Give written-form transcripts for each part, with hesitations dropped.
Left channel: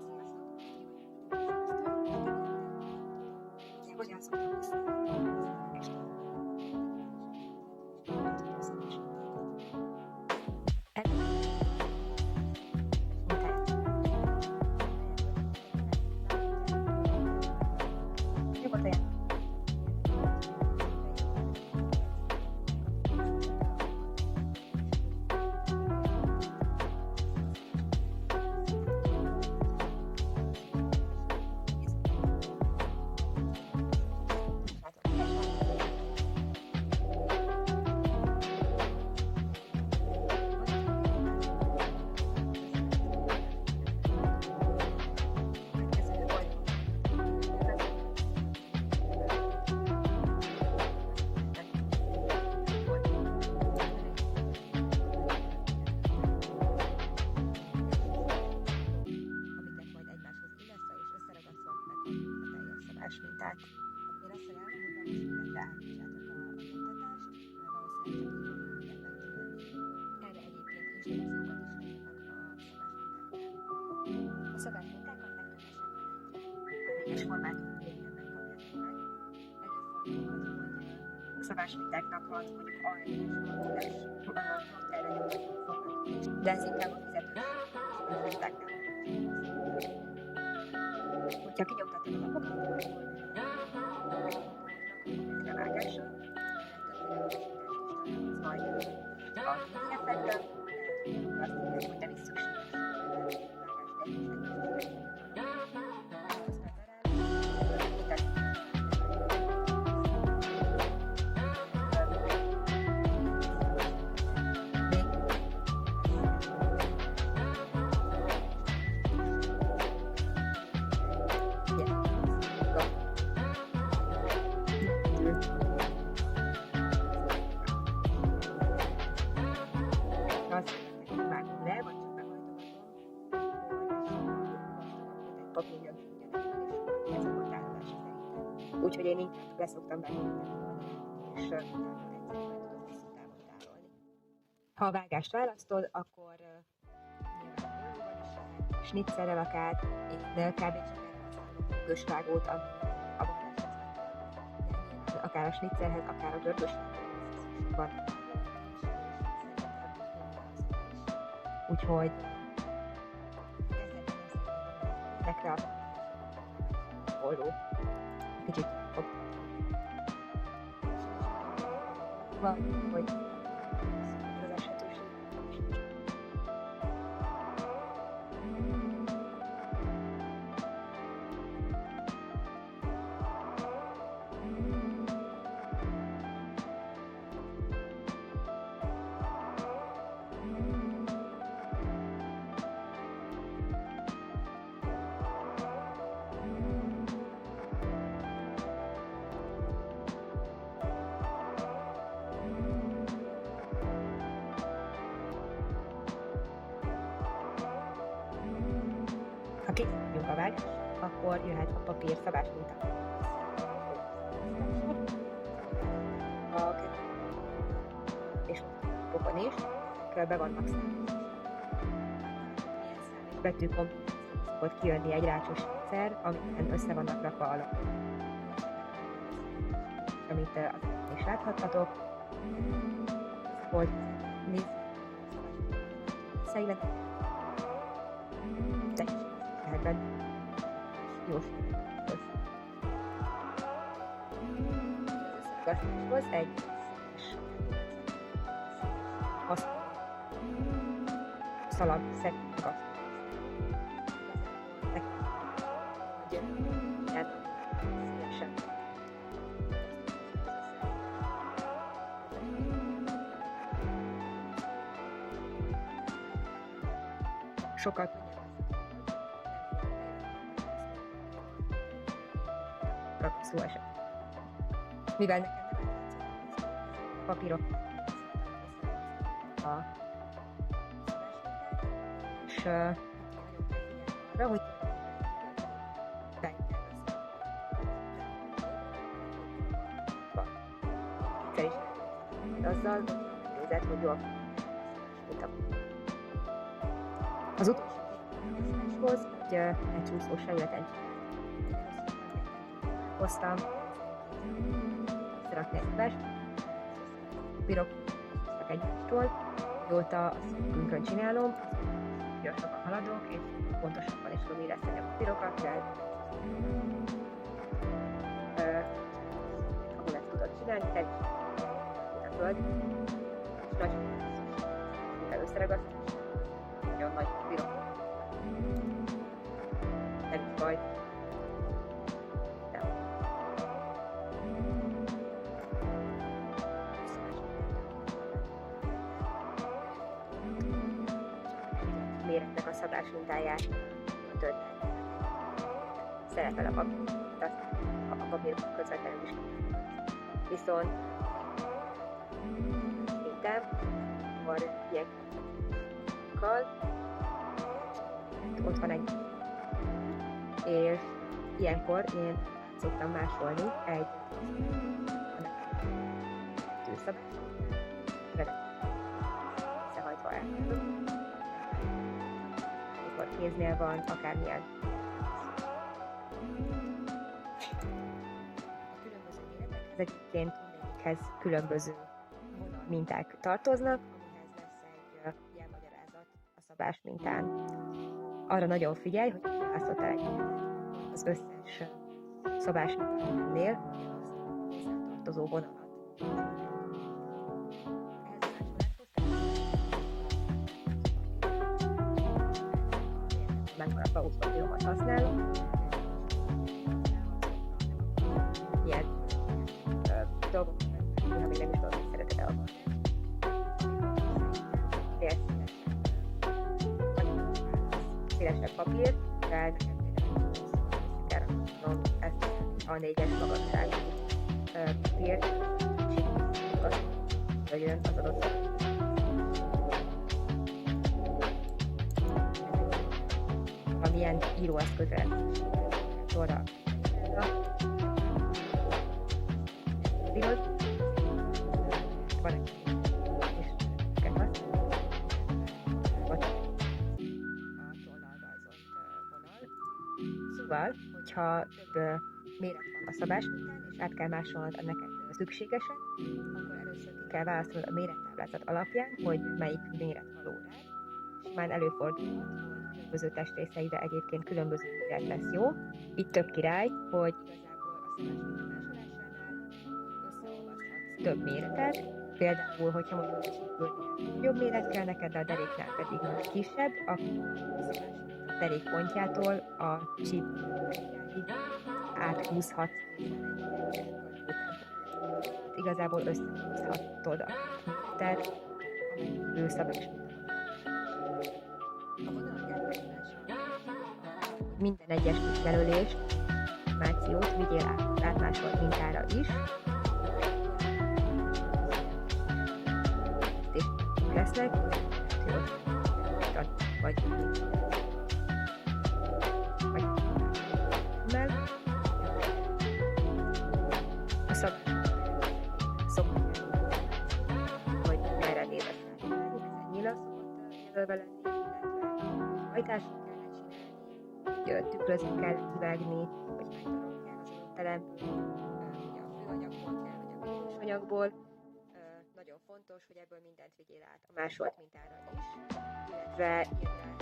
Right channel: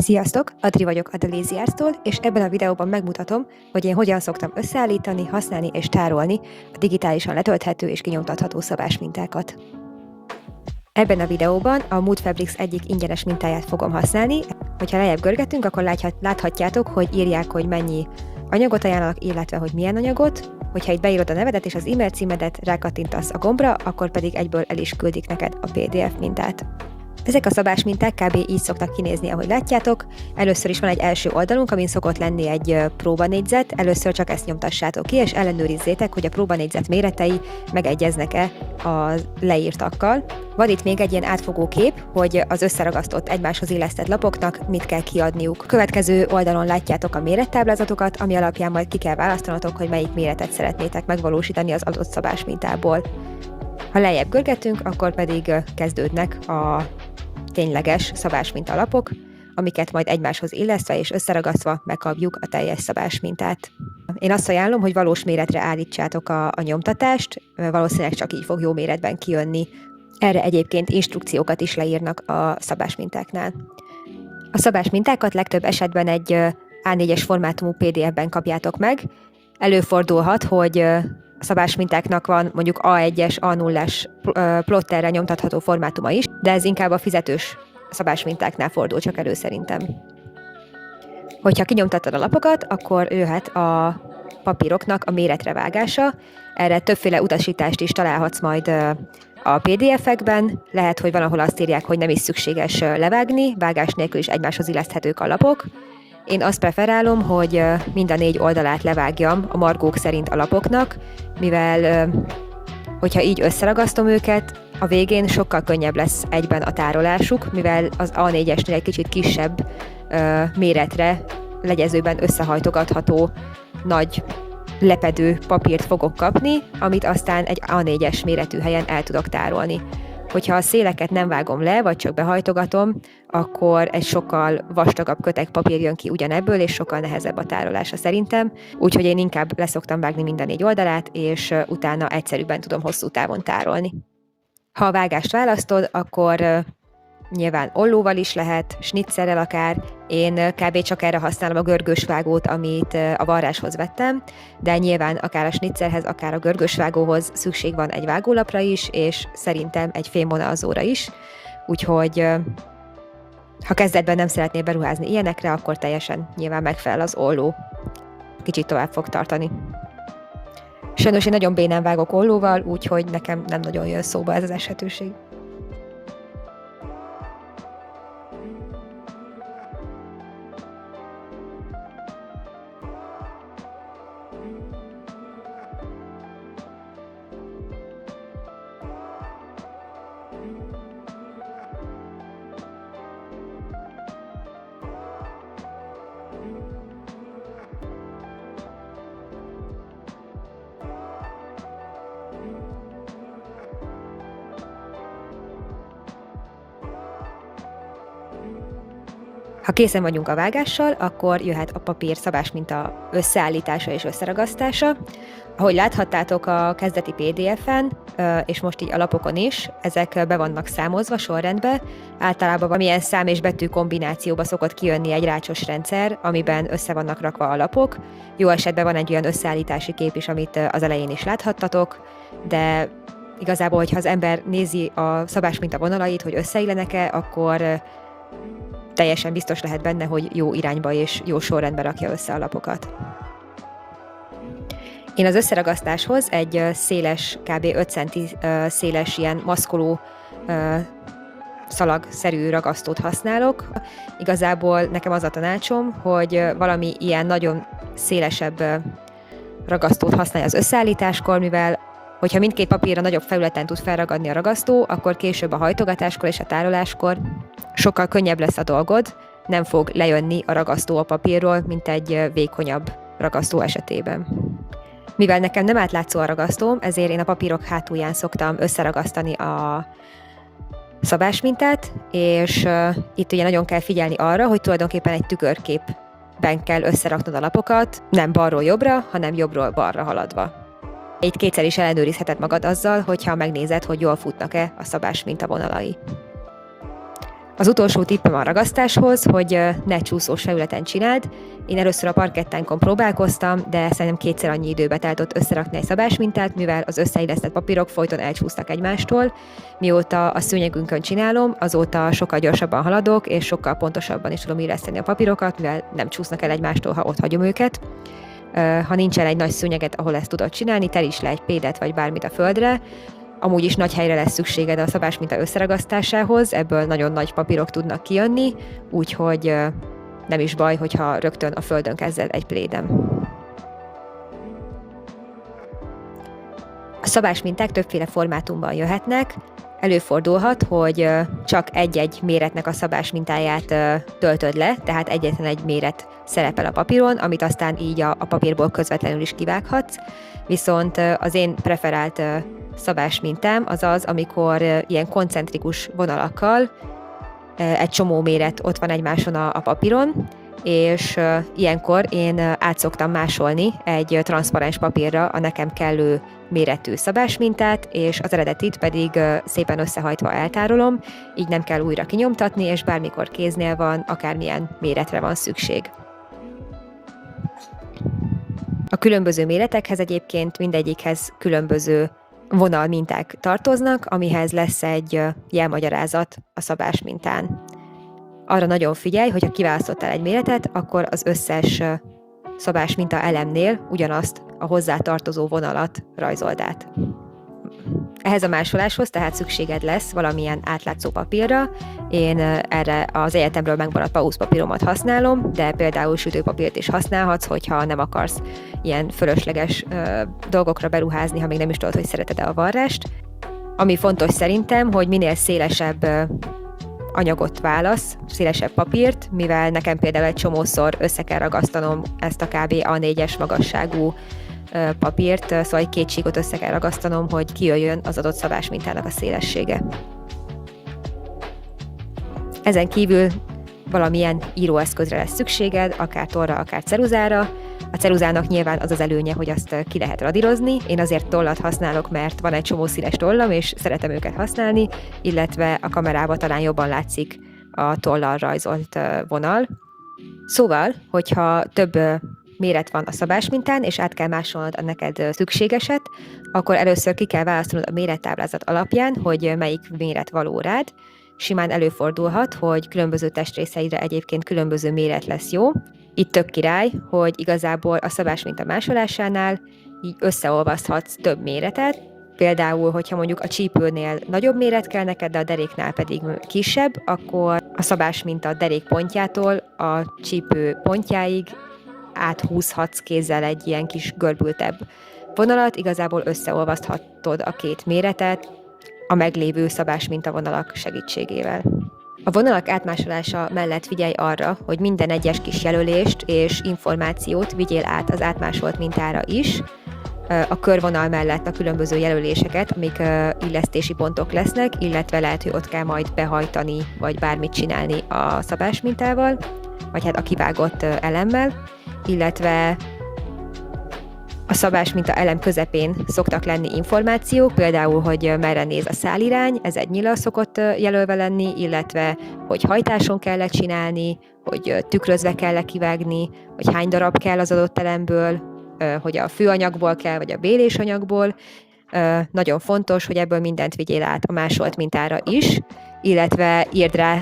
Sziasztok! Adri vagyok a Deliziárstól, és ebben a videóban megmutatom, hogy én hogyan szoktam összeállítani, használni és tárolni a digitálisan letölthető és kinyomtatható szabásmintákat. Ebben a videóban a Mood Fabrics egyik ingyenes mintáját fogom használni. Hogyha lejjebb görgetünk, akkor láthatjátok, hogy írják, hogy mennyi anyagot ajánlanak, illetve hogy milyen anyagot. Hogyha itt beírod a nevedet és az e-mail címedet, rákattintasz a gombra, akkor pedig egyből el is küldik neked a PDF mintát. Ezek a szabásminták kb. Így szoktak kinézni, ahogy látjátok. Először is van egy első oldalunk, amin szokott lenni egy próbanégyzet. Először csak ezt nyomtassátok ki, és ellenőrizzétek, hogy a próbanégyzet méretei megegyeznek-e a leírtakkal. Van itt még egy ilyen átfogó kép, hogy az összeragasztott egymáshoz illesztett lapoknak mit kell kiadniuk. A következő oldalon látjátok a mérettáblázatokat, ami alapján majd ki kell választanatok, hogy melyik méretet szeretnétek megvalósítani az adott szabásmintából. Ha lejjebb görgetünk, akkor pedig kezdődnek a tényleges szabásminta lapok, amiket majd egymáshoz illesztve és összeragasztva megkapjuk a teljes szabásmintát. Én azt ajánlom, hogy valós méretre állítsátok a nyomtatást, valószínűleg csak így fog jó méretben kijönni. Erre egyébként instrukciókat is leírnak a szabásmintáknál. A szabásmintákat legtöbb esetben egy A4-es formátumú PDF-ben kapjátok meg. Előfordulhat, hogy a szabásmintáknak van mondjuk A1-es, A0-as plotterre nyomtatható formátuma is, de ez inkább a fizetős szabásmintáknál fordul csak elő szerintem. Hogyha kinyomtattad a lapokat, akkor jöhet a papíroknak a méretre vágása. Erre többféle utasítást is találhatsz majd a PDF-ekben. Lehet, hogy van, ahol azt írják, hogy nem is szükséges levágni, vágás nélkül is egymáshoz illeszthetők a lapok. Én azt preferálom, hogy mind a 4 oldalát levágjam a margók szerint a lapoknak, mivel hogyha így összeragasztom őket, a végén sokkal könnyebb lesz egyben a tárolásuk, mivel az A4-esnél egy kicsit kisebb méretre, legyezőben összehajtogatható nagy lepedő papírt fogok kapni, amit aztán egy A4-es méretű helyen el tudok tárolni. Hogyha a széleket nem vágom le, vagy csak behajtogatom, akkor egy sokkal vastagabb kötek papír jön ki ugyanebből, és sokkal nehezebb a tárolása szerintem. Úgyhogy én inkább leszoktam vágni mind a 4 oldalát, és utána egyszerűbben tudom hosszú távon tárolni. Ha a vágást választod, akkor nyilván ollóval is lehet, snitzerrel akár. Én kb. Csak erre használom a görgős vágót, amit a varráshoz vettem, de nyilván akár a snitzerhez, akár a görgős vágóhoz szükség van egy vágólapra is, és szerintem egy fémvonalzóra is. Úgyhogy ha kezdetben nem szeretnél beruházni ilyenekre, akkor teljesen nyilván megfelel az olló. Kicsit tovább fog tartani. Sajnos én nagyon bénán vágok ollóval, úgyhogy nekem nem nagyon jön szóba ez az esetőség. Ha készen vagyunk a vágással, akkor jöhet a papír szabásminta összeállítása és összeragasztása. Ahogy láthattátok a kezdeti PDF-en, és most így a lapokon is, ezek be vannak számozva sorrendbe. Általában valamilyen szám és betű kombinációba szokott kijönni egy rácsos rendszer, amiben össze vannak rakva a lapok. Jó esetben van egy olyan összeállítási kép is, amit az elején is láthattatok, de igazából, hogyha az ember nézi a szabásminta vonalait, hogy összeillenek-e, akkor teljesen biztos lehet benne, hogy jó irányba és jó sorrendbe rakja össze a lapokat. Én az összeragasztáshoz egy széles, kb. 5 cm széles ilyen maszkoló szalagszerű ragasztót használok. Igazából nekem az a tanácsom, hogy valami ilyen nagyon szélesebb ragasztót használj az összeállításkor, mivel hogyha mindkét papírra nagyobb felületen tud felragadni a ragasztó, akkor később a hajtogatáskor és a tároláskor sokkal könnyebb lesz a dolgod, nem fog lejönni a ragasztó a papírról, mint egy vékonyabb ragasztó esetében. Mivel nekem nem átlátszó a ragasztóm, ezért én a papírok hátulján szoktam összeragasztani a szabásmintát, és itt ugye nagyon kell figyelni arra, hogy tulajdonképpen egy tükörképben kell összeraknod a lapokat, nem balról jobbra, hanem jobbról balra haladva. Így kétszer is ellenőrizheted magad azzal, hogyha megnézed, hogy jól futnak-e a szabásminta vonalai. Az utolsó tippem a ragasztáshoz, hogy ne csúszós felületen csináld. Én először a parkettánkon próbálkoztam, de szerintem 2-szer annyi időbe telt ott összerakni egy szabásmintát, mivel az összeillesztett papírok folyton elcsúsztak egymástól. Mióta a szőnyegünkön csinálom, azóta sokkal gyorsabban haladok, és sokkal pontosabban is tudom illeszteni a papírokat, mivel nem csúsznak el egymástól, ha ott hagyom őket. Ha nincsen egy nagy szőnyeget, ahol ezt tudod csinálni, teríts le egy pédet vagy bármit a földre. Amúgy is nagy helyre lesz szükséged a szabásminta összeragasztásához, ebből nagyon nagy papírok tudnak kijönni, úgyhogy nem is baj, hogyha rögtön a földön kezded egy pléden. A szabásminták többféle formátumban jöhetnek. Előfordulhat, hogy csak egy-egy méretnek a szabásmintáját töltöd le, tehát egyetlen egy méret szerepel a papíron, amit aztán így a papírból közvetlenül is kivághatsz. Viszont az én preferált szabásmintám az az, amikor ilyen koncentrikus vonalakkal egy csomó méret ott van egymáson a papíron, és ilyenkor én át szoktam másolni egy transzparens papírra a nekem kellő méretű szabásmintát, és az eredetit pedig szépen összehajtva eltárolom, így nem kell újra kinyomtatni, és bármikor kéznél van, akármilyen méretre van szükség. A különböző méretekhez egyébként mindegyikhez különböző vonalminták tartoznak, amihez lesz egy jelmagyarázat a szabásmintán. Arra nagyon figyelj, hogy ha kiválasztottál egy méretet, akkor az összes szabásminta elemnél ugyanazt a hozzá tartozó vonalat rajzold át. Ehhez a másoláshoz tehát szükséged lesz valamilyen átlátszó papírra. Én erre az egyetemről megmaradt pauszpapíromat használom, de például sütőpapírt is használhatsz, hogyha nem akarsz ilyen fölösleges dolgokra beruházni, ha még nem is tudod, hogy szereted-e a varrást. Ami fontos szerintem, hogy minél szélesebb anyagot válasz, szélesebb papírt, mivel nekem például egy csomószor össze kell ragasztanom ezt a kb. A4-es magasságú papírt, szóval egy 2 csíkot össze kell ragasztanom, hogy kijöjjön az adott szabásmintának a szélessége. Ezen kívül valamilyen íróeszközre lesz szükséged, akár tollra, akár ceruzára. A ceruzának nyilván az az előnye, hogy azt ki lehet radírozni. Én azért tollat használok, mert van egy csomó színes tollam, és szeretem őket használni, illetve a kamerában talán jobban látszik a tollal rajzolt vonal. Szóval, hogyha több méret van a szabásmintán, és át kell másolnod a neked szükségeset, akkor először ki kell választanod a mérettáblázat alapján, hogy melyik méret való rád. Simán előfordulhat, hogy különböző testrészeidre egyébként különböző méret lesz jó. Itt tök király, hogy igazából a szabásminta másolásánál így összeolvaszthatsz több méretet. Például, hogyha mondjuk a csípőnél nagyobb méret kell neked, de a deréknál pedig kisebb, akkor a szabásminta derékpontjától a csípő pontjáig áthúzhatsz kézzel egy ilyen kis görbültebb vonalat, igazából összeolvaszthatod a két méretet a meglévő szabásmintavonalak segítségével. A vonalak átmásolása mellett figyelj arra, hogy minden egyes kis jelölést és információt vigyél át az átmásolt mintára is. A körvonal mellett a különböző jelöléseket, amik illesztési pontok lesznek, illetve lehet, hogy ott kell majd behajtani, vagy bármit csinálni a szabásmintával, vagy hát a kivágott elemmel, illetve a szabásminta elem közepén szoktak lenni információk, például, hogy merre néz a szálirány, ez egy nyíllal szokott jelölve lenni, illetve, hogy hajtáson kell csinálni, hogy tükrözve kell kivágni, hogy hány darab kell az adott elemből, hogy a főanyagból kell, vagy a bélésanyagból. Nagyon fontos, hogy ebből mindent vigyél át a másolt mintára is, illetve írd rá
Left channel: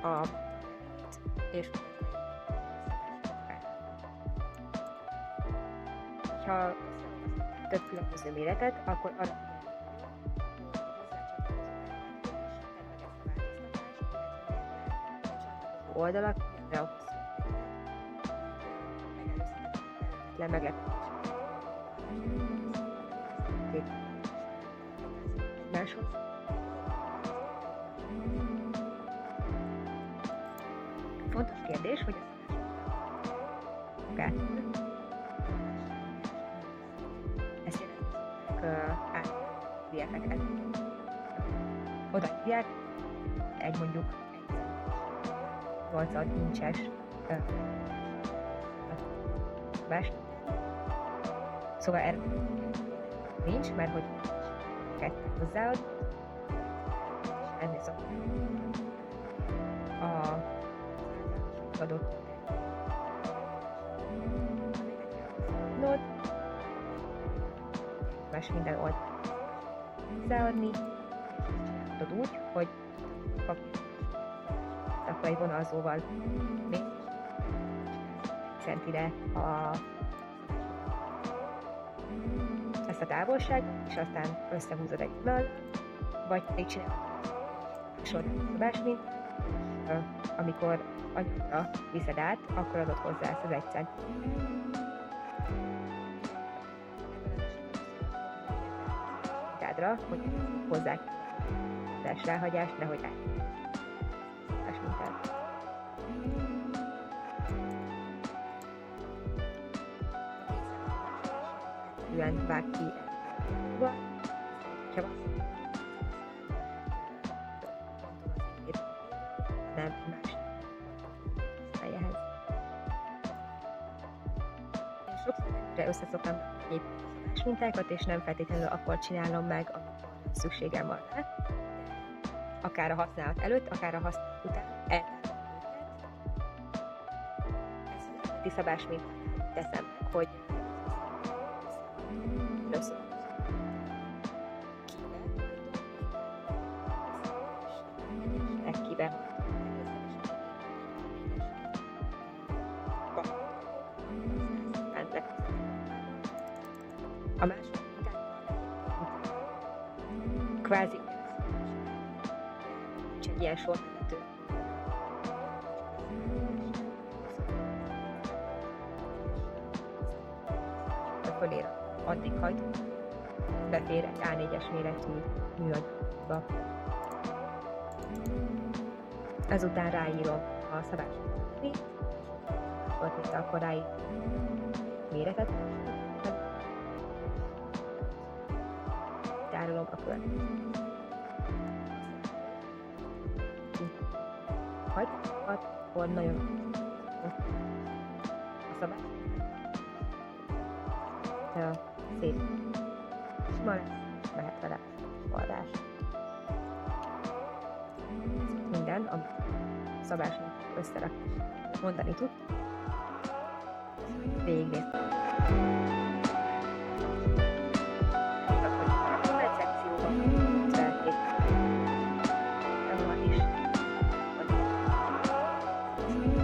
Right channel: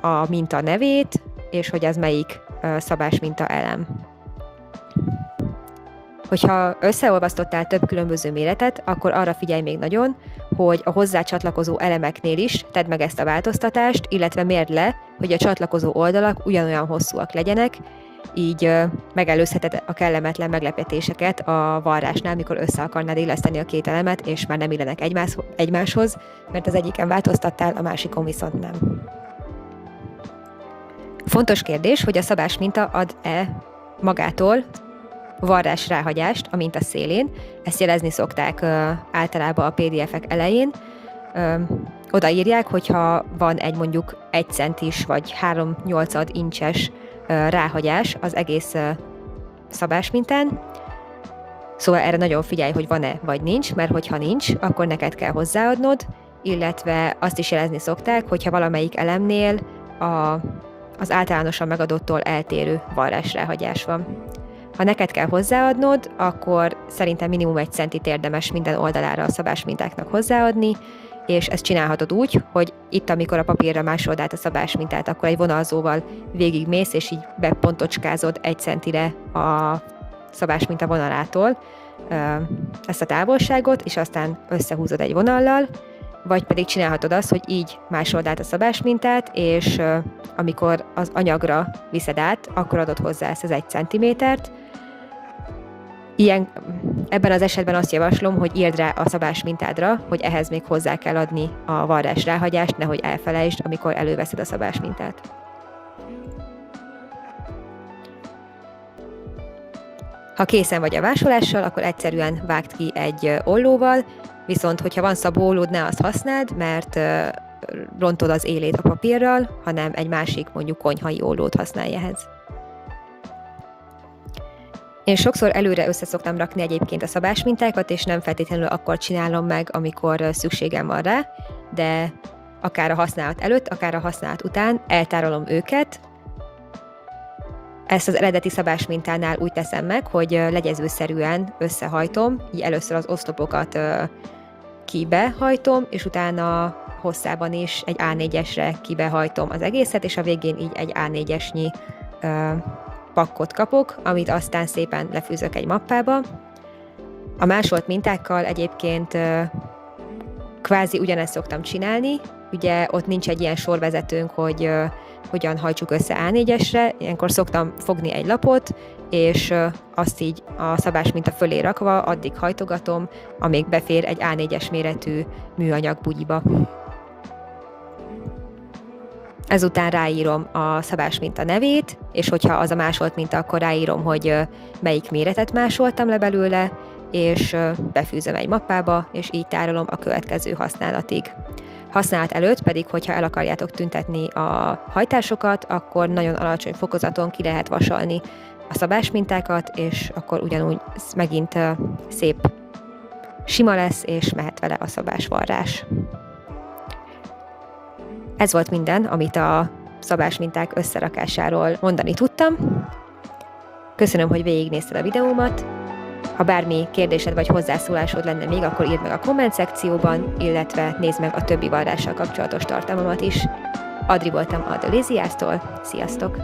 a minta nevét, és hogy ez melyik szabásminta elem. Hogyha összeolvasztottál több különböző méretet, akkor arra figyelj még nagyon, hogy a hozzá csatlakozó elemeknél is tedd meg ezt a változtatást, illetve mérd le, hogy a csatlakozó oldalak ugyanolyan hosszúak legyenek, így megelőzheted a kellemetlen meglepetéseket a varrásnál, mikor össze akarnád illeszteni a két elemet, és már nem illenek egymáshoz, mert az egyiken változtattál, a másikon viszont nem. Fontos kérdés, hogy a szabásminta ad-e magától varrás ráhagyást a minta szélén. Ezt jelezni szokták általában a PDF-ek elején. Odaírják, hogyha van egy mondjuk 1 centis vagy 3/8 incses ráhagyás az egész szabásmintán. Szóval erre nagyon figyelj, hogy van-e vagy nincs, mert hogyha nincs, akkor neked kell hozzáadnod, illetve azt is jelezni szokták, hogyha valamelyik elemnél az általánosan megadottól eltérő varrásráhagyás van. Ha neked kell hozzáadnod, akkor szerintem minimum 1 centit érdemes minden oldalára a szabásmintáknak hozzáadni, és ezt csinálhatod úgy, hogy itt, amikor a papírra másolod át a szabásmintát, akkor egy vonalzóval végigmész, és így bepontocskázod 1 centire a szabásminta vonalától ezt a távolságot, és aztán összehúzod egy vonallal, vagy pedig csinálhatod azt, hogy így másolod át a szabásmintát, és amikor az anyagra viszed át, akkor adod hozzá ezt az 1 centimétert. Ebben az esetben azt javaslom, hogy írd rá a szabásmintádra, hogy ehhez még hozzá kell adni a varrás ráhagyást, nehogy elfelejtsd, amikor előveszed a szabásmintát. Ha készen vagy a másolással, akkor egyszerűen vágd ki egy ollóval, viszont hogyha van szabóollód, ne azt használd, mert rontod az élét a papírral, hanem egy másik, mondjuk konyhai ollót használj ehhez. Én sokszor előre össze szoktam rakni egyébként a szabásmintákat, és nem feltétlenül akkor csinálom meg, amikor szükségem van rá, de akár a használat előtt, akár a használat után eltárolom őket. Ezt az eredeti szabásmintánál úgy teszem meg, hogy legyezőszerűen összehajtom, így először az oszlopokat kibehajtom, és utána hosszában is egy A4-esre kibehajtom az egészet, és a végén így egy A4-esnyi pakkot kapok, amit aztán szépen lefűzök egy mappába. A másolt mintákkal egyébként kvázi ugyanezt szoktam csinálni, ugye ott nincs egy ilyen sorvezetőnk, hogy hogyan hajtsuk össze A4-esre, ilyenkor szoktam fogni egy lapot, és azt így a szabásminta fölé rakva addig hajtogatom, amíg befér egy A4-es méretű műanyag bugyiba. Ezután ráírom a szabásminta nevét, és hogyha az a másolt minta, akkor ráírom, hogy melyik méretet másoltam le belőle, és befűzöm egy mappába, és így tárolom a következő használatig. Használat előtt pedig, hogyha el akarjátok tüntetni a hajtásokat, akkor nagyon alacsony fokozaton ki lehet vasalni a szabásmintákat, és akkor ugyanúgy megint szép sima lesz, és mehet vele a szabásvarrás. Ez volt minden, amit a szabásminták összerakásáról mondani tudtam. Köszönöm, hogy végignézted a videómat. Ha bármi kérdésed vagy hozzászólásod lenne még, akkor írd meg a komment szekcióban, illetve nézd meg a többi vallással kapcsolatos tartalmamat is. Adri voltam a The Lazy Ass-tól. Sziasztok!